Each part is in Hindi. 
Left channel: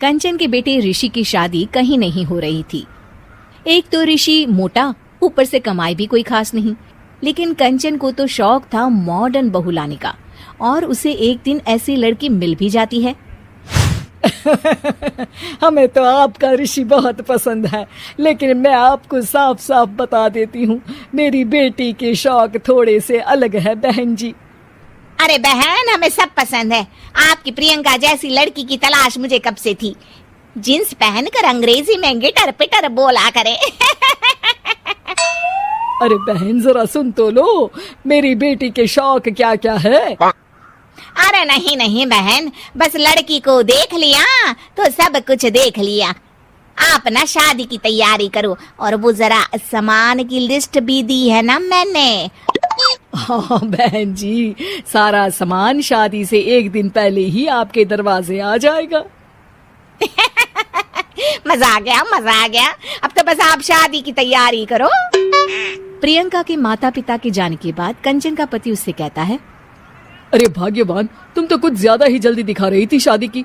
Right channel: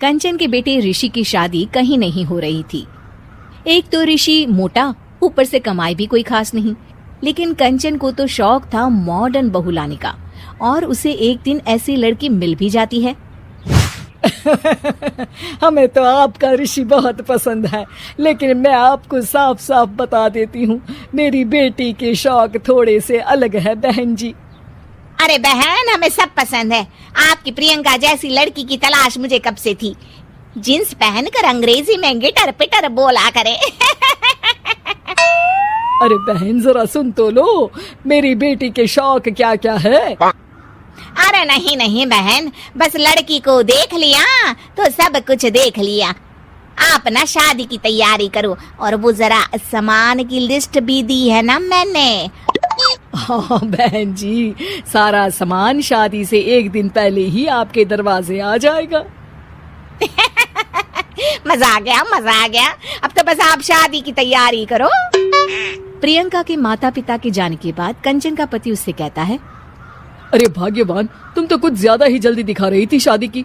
कंचन के बेटे ऋषि की शादी कहीं नहीं हो रही थी। एक तो ऋषि मोटा, ऊपर से कमाई भी कोई खास नहीं। लेकिन कंचन को तो शौक था मॉडर्न बहू लाने का, और उसे एक दिन ऐसी लड़की मिल भी जाती है। हमें तो आपका ऋषि बहुत पसंद है, लेकिन मैं आपको साफ साफ बता देती हूँ, मेरी बेटी के शौक थोड़े से अलग है बहन जी। अरे बहन, हमें सब पसंद है। आपकी प्रियंका जैसी लड़की की तलाश मुझे कब से थी। जींस पहनकर अंग्रेजी में गिटर पिटर बोला करे। अरे बहन जरा सुन तो लो, मेरी बेटी के शौक क्या क्या है। अरे नहीं नहीं बहन, बस लड़की को देख लिया तो सब कुछ देख लिया। आप ना शादी की तैयारी करो, और वो जरा सामान की लिस्ट भी दी है ना मैंने। हाँ बहन जी, सारा सामान शादी से एक दिन पहले ही आपके दरवाजे आ जाएगा। मजा आ गया, मजा आ गया। अब तो बस आप शादी की तैयारी करो। प्रियंका के माता पिता के जाने के बाद कंचन का पति उससे कहता है, अरे भाग्यवान, तुम तो कुछ ज्यादा ही जल्दी दिखा रही थी शादी की।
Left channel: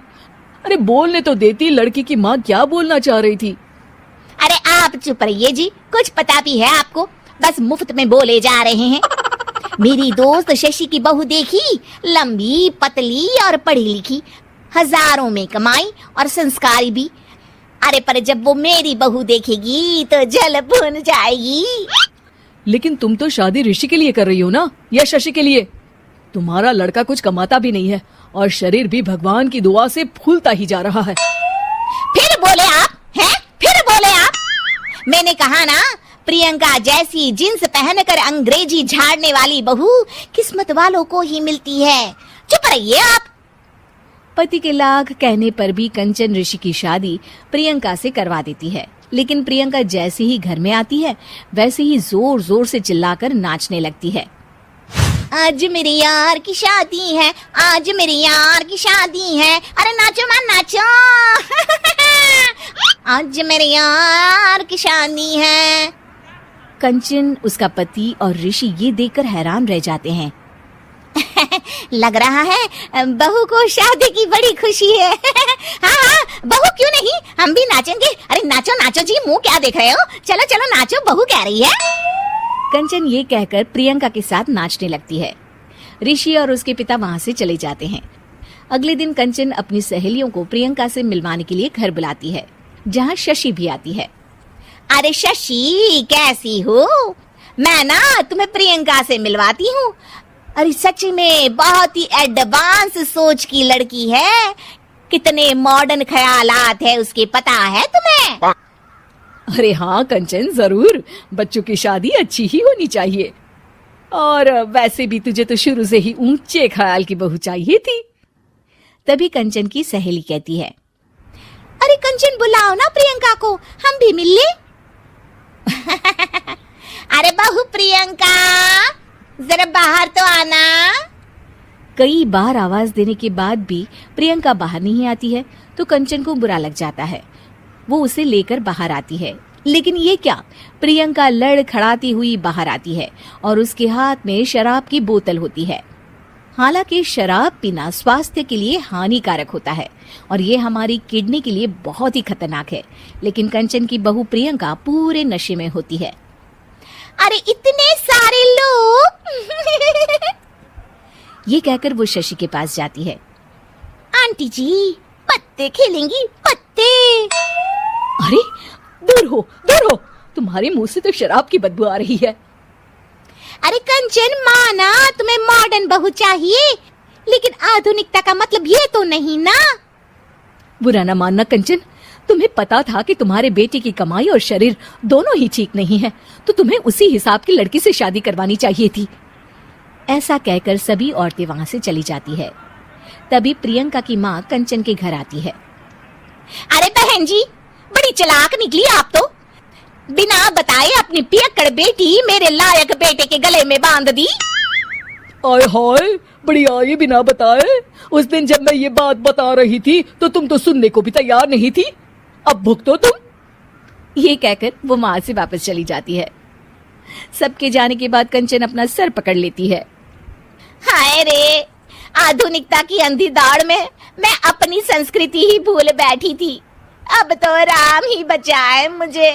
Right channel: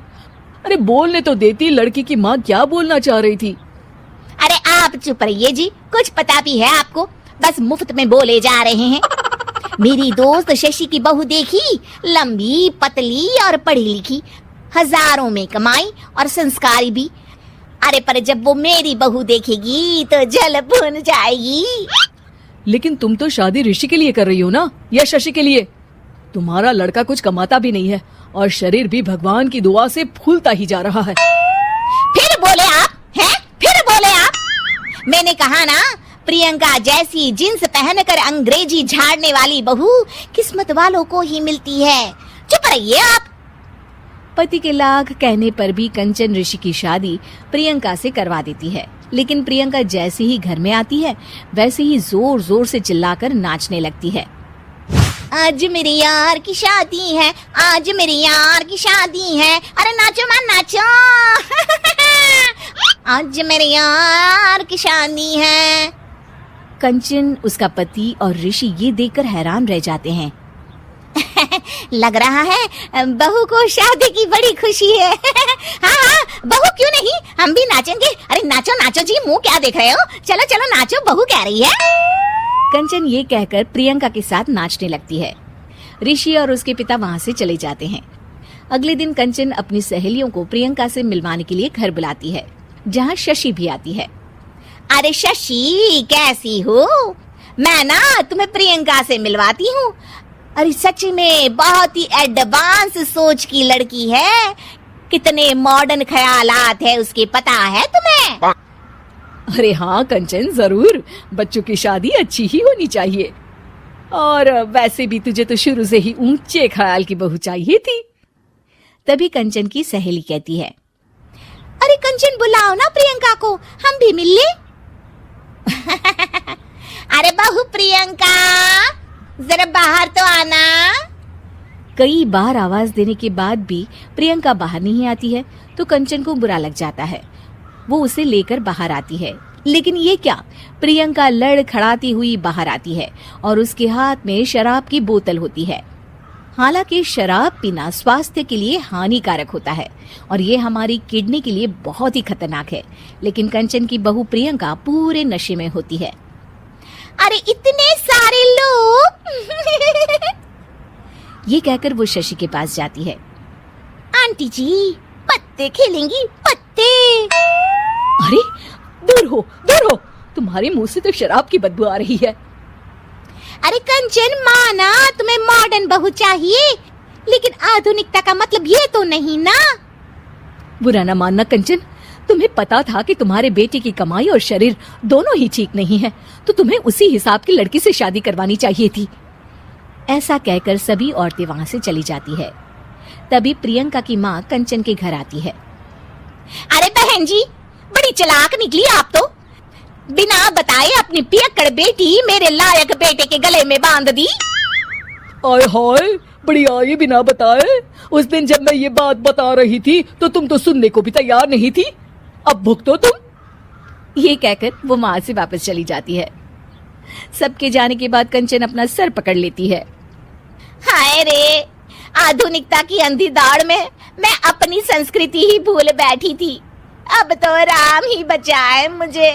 अरे बोलने तो देती, लड़के की माँ क्या बोलना चाह रही थी। अरे आप चुप रहिए जी, कुछ पता भी है आपको, बस मुफ्त में बोले जा रहे हैं। मेरी दोस्त शशि की बहू देखी, लंबी पतली और पढ़ी लिखी, हजारों में कमाई और संस्कारी भी। अरे पर जब वो मेरी बहू देखेगी तो जल भुन जाएगी। लेकिन तुम तो शादी ऋषि के लिए कर रही हो ना, या शशि के लिए? तुम्हारा लड़का कुछ कमाता भी नहीं है, और शरीर भी भगवान की दुआ से फूलता ही जा रहा है। फिर बोले आप हैं? फिर बोले आप? मैंने कहा ना, प्रियंका जैसी जींस पहनकर अंग्रेजी झाड़ने वाली बहू किस्मत वालों को ही मिलती है। चुप रहिए आप। पति के लाख कहने पर भी कंचन ऋषि की शादी प्रियंका से करवा देती है। लेकिन प्रियंका जैसे ही घर में आती है, वैसे ही जोर जोर से चिल्लाकर नाचने लगती है। आज मेरे यार की शादी है, आज मेरे यार की शादी है। अरे नाचो ना नाचो। आज मेरे यार की शादी है। कंचन, उसका पति और ऋषि ये देखकर हैरान रह जाते हैं। लग रहा है बहू को शादी की बड़ी खुशी है। हाँ हाँ, बहू क्यों नहीं, हम भी नाचेंगे। अरे नाचो नाचो जी, मुंह क्या देख रहे हो, चलो चलो नाचो, बहू कह रही है। कंचन ये कहकर प्रियंका के साथ नाचने लगती है। ऋषि और उसके पिता वहाँ से चले जाते हैं। अगले दिन कंचन अपनी सहेलियों को प्रियंका से मिलवाने के लिए घर बुलाती है, जहाँ शशि भी आती है। अरे शशि, कैसी हो? मैं ना तुम्हें प्रियंका से मिलवाती हूँ। अरे सच में बहुत ही एडवांस सोच की लड़की है। कितने मॉडर्न ख्यालात हैं उसके, पता है तुम्हें? अरे हाँ कंचन, जरूर। बच्चों की शादी अच्छी ही होनी चाहिए, और वैसे भी तुझे तो शुरू से ही ऊंचे ख्याल की बहू चाहिए थी। तभी कंचन की सहेली कहती है, अरे कंचन, बुलाओ ना प्रियंका को, हम भी मिल लें। अरे बहू प्रियंका, जरा बाहर तो आना। कई बार आवाज देने के बाद भी प्रियंका बाहर नहीं आती है, तो कंचन को बुरा लग जाता है। वो उसे लेकर बाहर आती है, लेकिन ये क्या, प्रियंका लड़खड़ाती हुई बाहर आती है और उसके हाथ में शराब की बोतल होती है। हालांकि शराब पीना स्वास्थ्य के लिए हानिकारक होता है, और ये हमारी किडनी के लिए बहुत ही खतरनाक है। लेकिन कंचन की बहू प्रियंका पूरे नशे में होती है। अरे इतने सारे लोग। ये कहकर वो शशि के पास जाती है। आंटी जी, पत्ते खेलेंगी, पत्ते। अरे दूर हो, दूर हो, तुम्हारे मुंह से तो शराब की बदबू आ रही है। अरे कंचन, माना तुम्हें मॉडर्न बहू चाहिए, लेकिन आधुनिकता का मतलब ये तो नहीं ना। बुरा न मानना कंचन, तुम्हें पता था कि तुम्हारे बेटे की कमाई और शरीर दोनों ही ठीक नहीं है, तो तुम्हें उसी हिसाब की लड़की से शादी करवानी चाहिए थी। ऐसा कहकर सभी औरतें वहाँ से चली जाती है। तभी प्रियंका की माँ कंचन के घर आती है। अरे बहन जी, बड़ी चालाक निकली आप तो। बिना बताए अपनी पियक्कड़ बेटी मेरे लायक बेटे के गले में बांध दी। ओए होए, बड़ी आई बिना बताए। उस दिन जब मैं ये बात बता रही थी तो तुम तो सुनने को भी तैयार नहीं थी। अब भुगतो तुम। ये कहकर वो वहाँ से वापस चली जाती है। सबके जाने के बाद कंचन अपना सर पकड़ लेती है। हाय रे, आधुनिकता की अंधी दौड़ में मैं अपनी संस्कृति ही भूल बैठी थी। अब तो राम ही बचाए मुझे।